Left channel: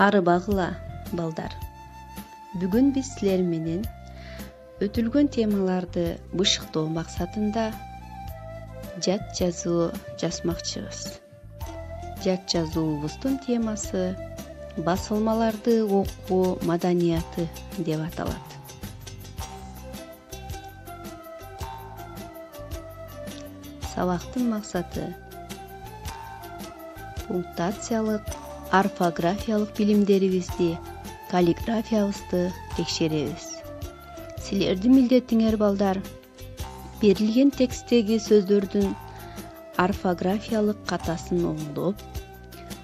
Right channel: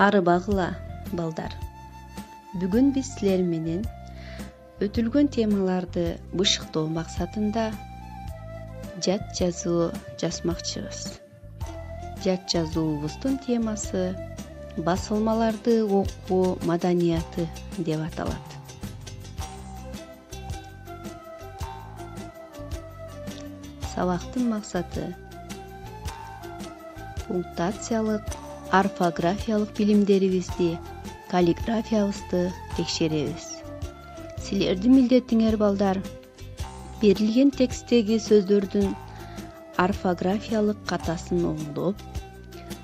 Арыбагыла, балдар. Бүгүн биз силер менен өтүлгөн темаларды бышыктоо максатында жат жазуу жазмакчыбыз. Жат жазуубуздун темасы басылмаларды окуу маданияты деп аталат. Сабактын максаты пунктациялык, орфографиялык билимдерибизди, каллиграфиябызды текшеребиз. Силердин милдетиңер, балдар, берилген текстеги сөздөрдүн орфографиялык катасын оңдоп,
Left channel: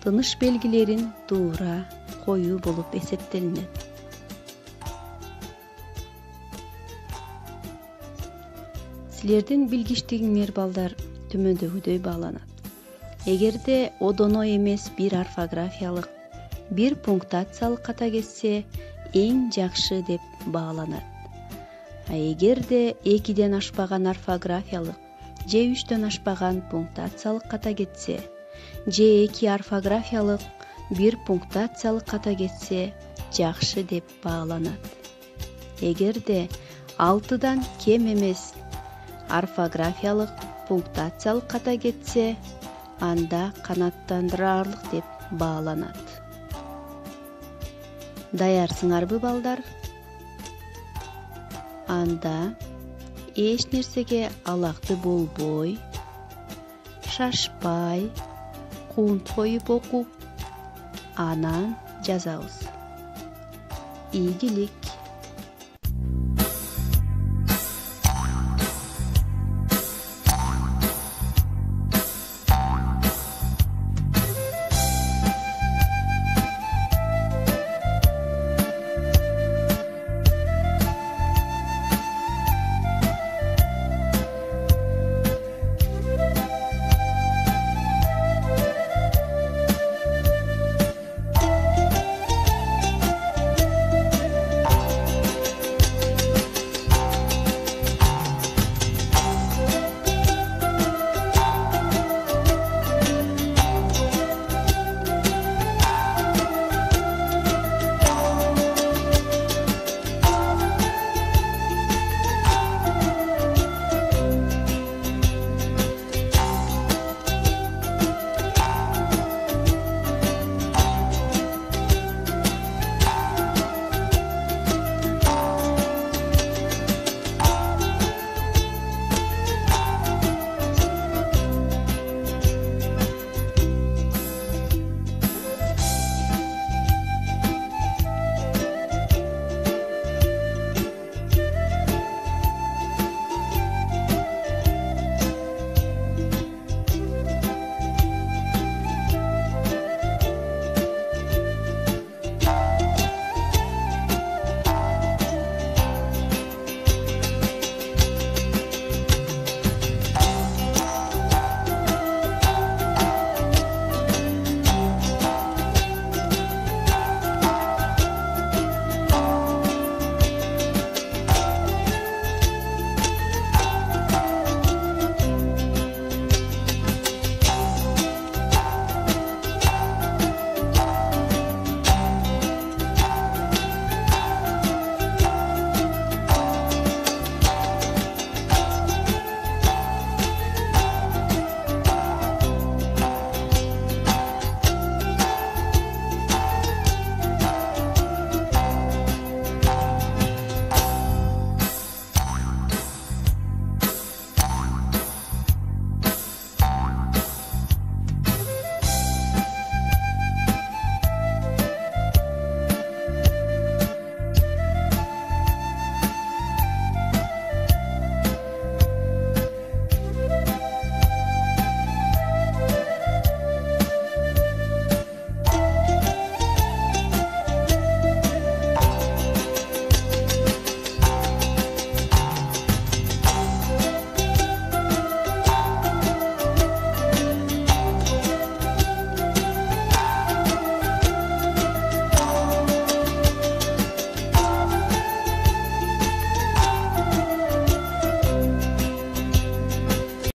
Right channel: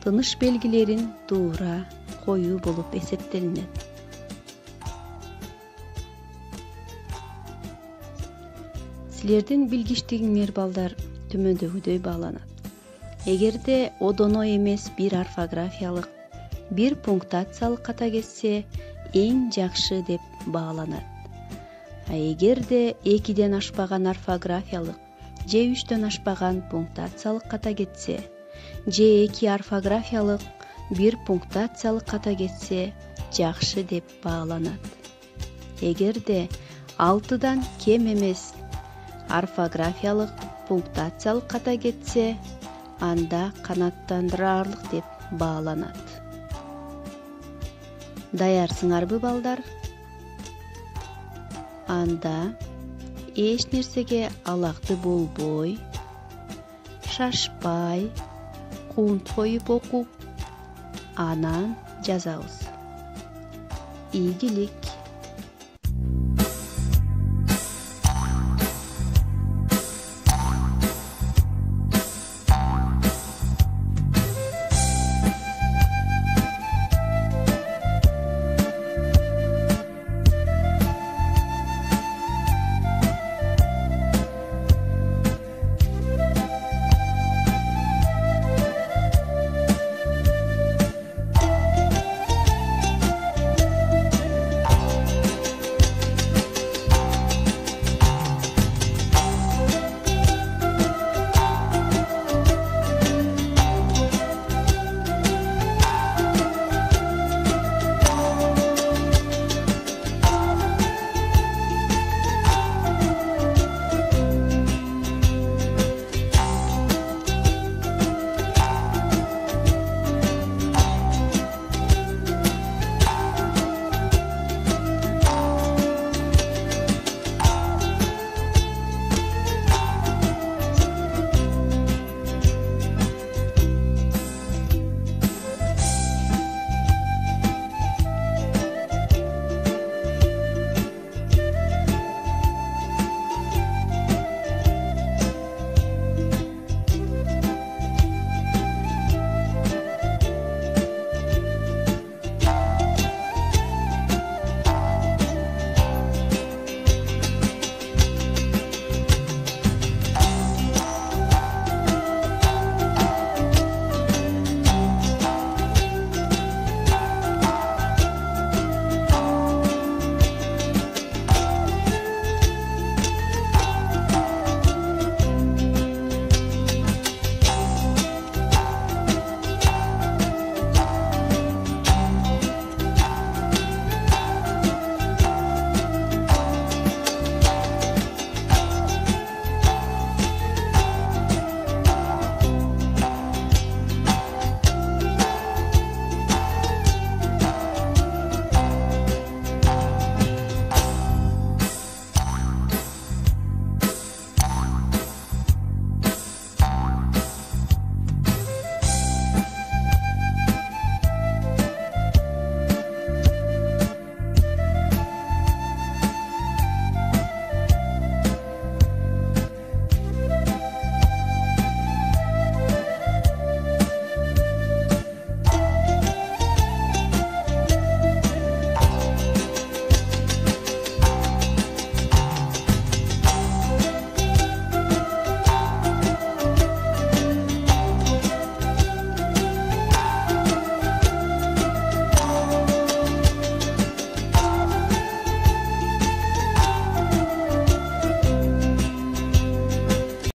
тыныш белгилерин туура коюу болуп эсептелинет. Силердин билгичтигиңер, балдар, төмөндөгүдөй бааланат. Эгерде одоно эмес бир орфографиялык, бир пунктациялык ката кетсе, эң жакшы деп бааланат. Эгерде 2ден ашпаган орфографиялык же 3дөн ашпаган пунктациялык ката кетсе, же 2 орфографиялык, 1 пунктациялык ката кетсе, жакшы деп бааланат. Эгерде 6дан кем эмес орфографиялык, пунктациялык ката кетсе, анда канааттандырарлык деп бааланат. Даярсыңарбы, балдар? Анда эч нерсеге алакты болбой, шашпай, кунт коюп окуп, анан жазабыз. Ийгилик.